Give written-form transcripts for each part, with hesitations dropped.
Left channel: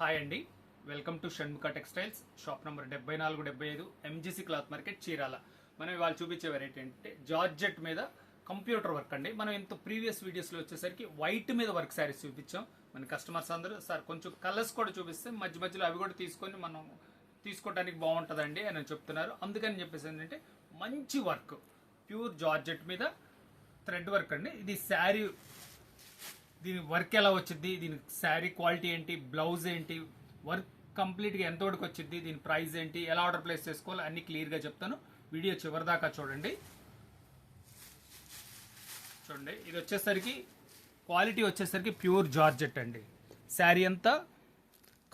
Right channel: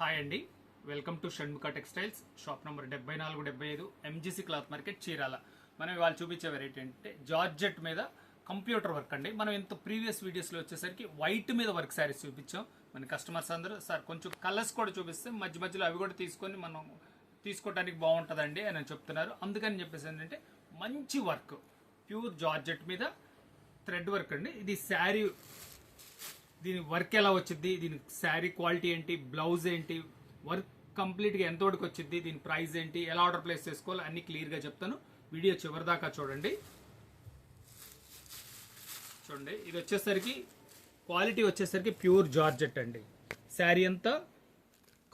Hi అండి, welcome to Shanmukha textiles. Shop number 7475 MGC cloth market Chirala. మనం ఇవాళ చూపించే వెరైటీ అంటే జార్జెట్ మీద కంప్యూటర్ వర్క్ అండి. మనం ఇంత ప్రీవియస్ వీడియోస్లో వచ్చేసరికి వైట్ మీద వర్క్ శారీస్ చూపించాం. మన కస్టమర్స్ అందరూ సార్ కొంచెం కలర్స్ కూడా చూపిస్తే మధ్య మధ్యలో అవి కూడా తీసుకొని మనం తీసుకోవడానికి బాగుంటుందండి అని చెప్తున్నారు. అందుకని చెప్పేసి ఏంటంటే మంచి వర్క్ ప్యూర్ జార్జెట్ మీద థ్రెడ్ వర్క్ అండి. ఇది శారీ, దీని వర్క్ ఎలా వచ్చింది, దీని శారీ క్వాలిటీ ఏంటి, బ్లౌజ్ ఏంటి, వర్క్ కంప్లీట్గా ఎంతవరకు వచ్చింది, దీని ప్రైస్ ఏంటి, ఎలా ఆర్డర్ ప్లేస్ చేసుకోవాలి అన్ని క్లియర్గా చెప్తాను. వీడియో చివరిదాకా చూడండి. ఇది వచ్చేసరికి క్వాలిటీ వచ్చేసరికి ప్యూర్ జార్జెట్ అండి. శారీ అంతా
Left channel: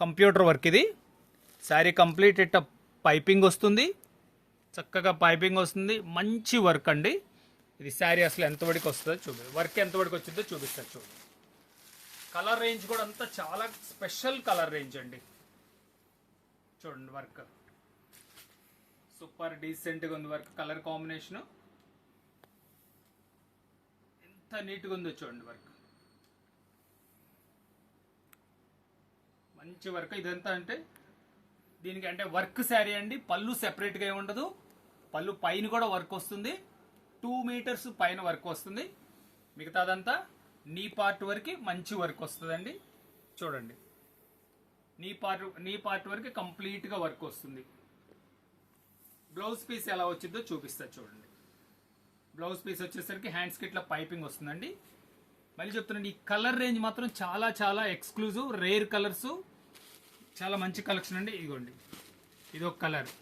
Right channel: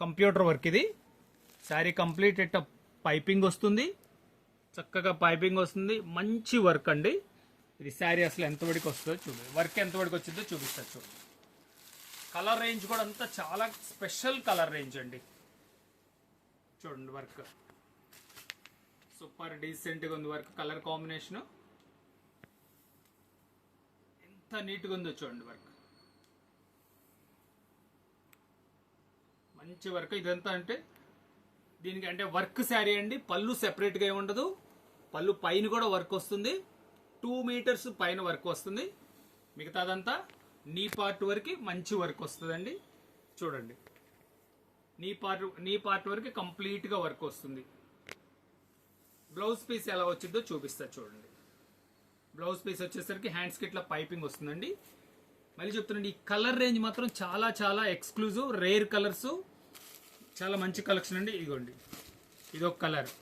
కంప్యూటర్ వర్క్. ఇది శారీ కంప్లీట్ ఇట్ట పైపింగ్ వస్తుంది, చక్కగా పైపింగ్ వస్తుంది, మంచి వర్క్ అండి. ఇది శారీ అసలు ఎంతవరకు వస్తుందో చూడండి, వర్క్ ఎంతవరకు వచ్చిందో చూపిస్తారు చూడండి. కలర్ రేంజ్ కూడా అంతా చాలా స్పెషల్ కలర్ రేంజ్ అండి. చూడండి వర్క్ సూపర్ డీసెంట్గా ఉంది. వర్క్ కలర్ కాంబినేషన్ ఎంత నీట్గా ఉందో చూడండి. వర్క్ మంచి వర్క్. ఇదంతా అంటే దీనికి అంటే వర్క్ శారీ అండి. పళ్ళు సెపరేట్గా ఏమి ఉండదు. పళ్ళు పైన కూడా వర్క్ వస్తుంది, 2 మీటర్స్ పైన వర్క్ వస్తుంది. మిగతాదంతా నీ పార్ట్ వరకు మంచి వర్క్ వస్తుందండి. చూడండి నీ పార్ట్ వరకు కంప్లీట్గా వర్క్ వస్తుంది. బ్లౌజ్ పీస్ ఎలా వచ్చిందో చూపిస్తా చూడండి. బ్లౌజ్ పీస్ వచ్చేసరికి హ్యాండ్స్కి ఇట్లా పైపింగ్ వస్తుందండి. మళ్ళీ చెప్తున్నాండి, ఈ కలర్ రేంజ్ మాత్రం చాలా చాలా ఎక్స్క్లూజివ్, రేర్ కలర్స్, చాలా మంచి కలెక్షన్ అండి. ఇదిగోండి, ఇదొక కలర్,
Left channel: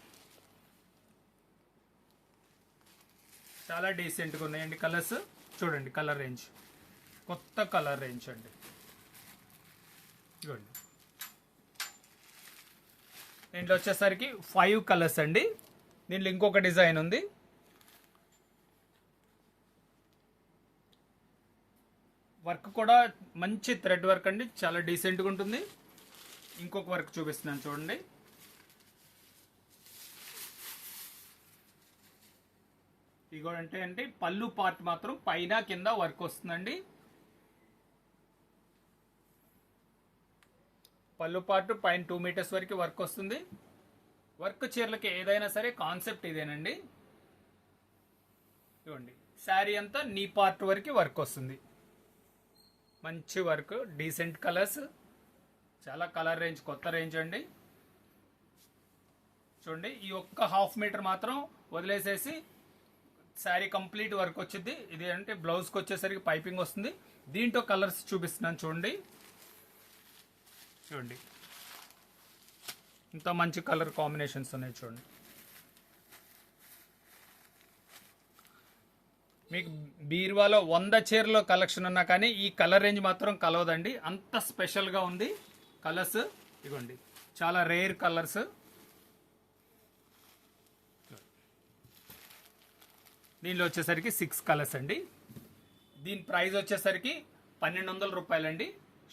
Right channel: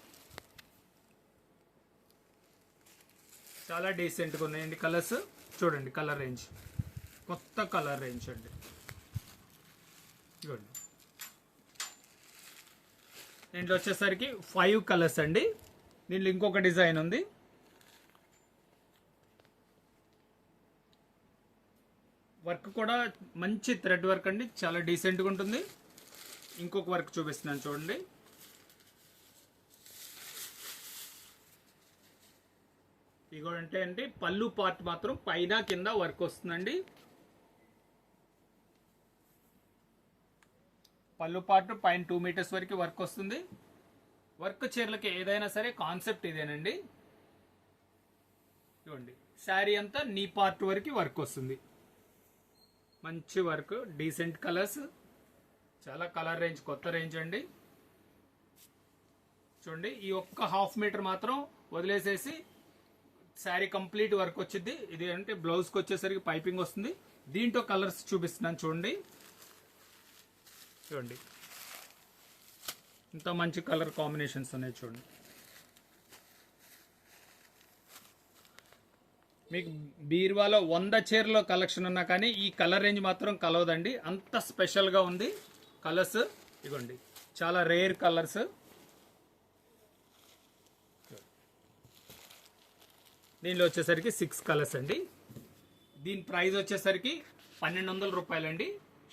చాలా డీసెంట్గా ఉన్నాయండి కలర్స్. చూడండి కలర్ రేంజ్, కొత్త కలర్ రేంజ్ అండి. చూడండి దీంట్లో వచ్చేసరికి 5 కలర్స్ అండి. దీంట్లో ఇంకొక డిజైన్ ఉంది. వర్క్ కూడా మంచి థ్రెడ్ వర్క్ అండి, చాలా డీసెంట్గా ఉంటుంది. ఇంకొక వర్క్ చూపిస్తున్నాను చూడండి. ఇగో అంటే పళ్ళు పార్ట్ మాత్రం పైన కింద వర్క్ వస్తుందండి. పళ్ళు పార్ట్ పైన 2 మీటర్స్ వరకు వర్క్ వస్తుంది. వర్క్ చీరలకి ఏదైనా సరే కాన్సెప్ట్ ఇదేనండి. చూడండి శారీ అంతా నీ పార్ట్ వరకు వర్క్ వస్తుంది. మంచి వర్క్, డీసెంట్ కలర్స్, చాలా కలర్ రేంజ్, కొత్త రేంజ్ అండి. చూడండి ఈ ఒక్క 1/2 మీటర్ మాత్రం వదిలేసేసి శారీ కంప్లీట్ వర్క్ వచ్చింది. ఇది అంటే బ్లౌజ్కి వచ్చేసరికి పైపింగ్ వస్తుంది. దీంట్లో కలర్స్ చూపిస్తున్నాను చూడండి. చూడండి ఇంత మంచి కలర్ కాంబినేషన్స్ ఉన్నాయి చూడండి. మీకు బీరువాలో 100 చీరలో కలెక్షన్ ఉన్నా కానీ ఈ కలర్ రేంజ్ మాత్రం కలవదండి, అంత స్పెషల్గా ఉంది కలర్స్. ఇదిగోండి చాలా రేర్ కలర్స్. దీనిలో వచ్చేసరికి 6 కలర్స్ అండి. దీని ప్రైస్ వచ్చేసరికి 1200 రూపాయలండి,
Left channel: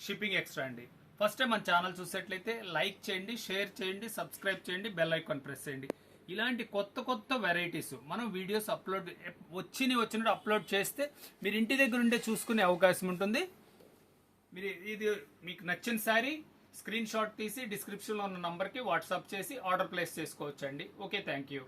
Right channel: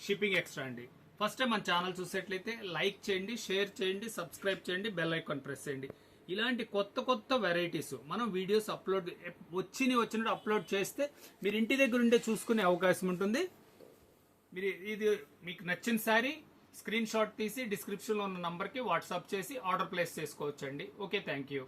షిప్పింగ్ ఎక్స్ట్రా అండి. ఫస్ట్ టైం మన ఛానల్ చూసేట్లయితే లైక్ చేయండి, షేర్ చేయండి, సబ్స్క్రైబ్ చేయండి, బెల్ ఐకాన్ ప్రెస్ చేయండి. ఇలాంటి కొత్త కొత్త వెరైటీస్ మనం వీడియోస్ అప్లోడ్ వచ్చినట్టు అప్లోడ్ చేస్తే మీరు ఇంటి దగ్గర ఉండే చూసుకునే అవకాశం ఉంటుంది. మీరు ఇది మీకు నచ్చిన శారీ స్క్రీన్ షాట్ తీసి డిస్క్రిప్షన్లో ఉన్న నంబర్కి వాట్సాప్ చేసి ఆర్డర్ ప్లేస్ చేసుకోవచ్చండి. Okay, thank you.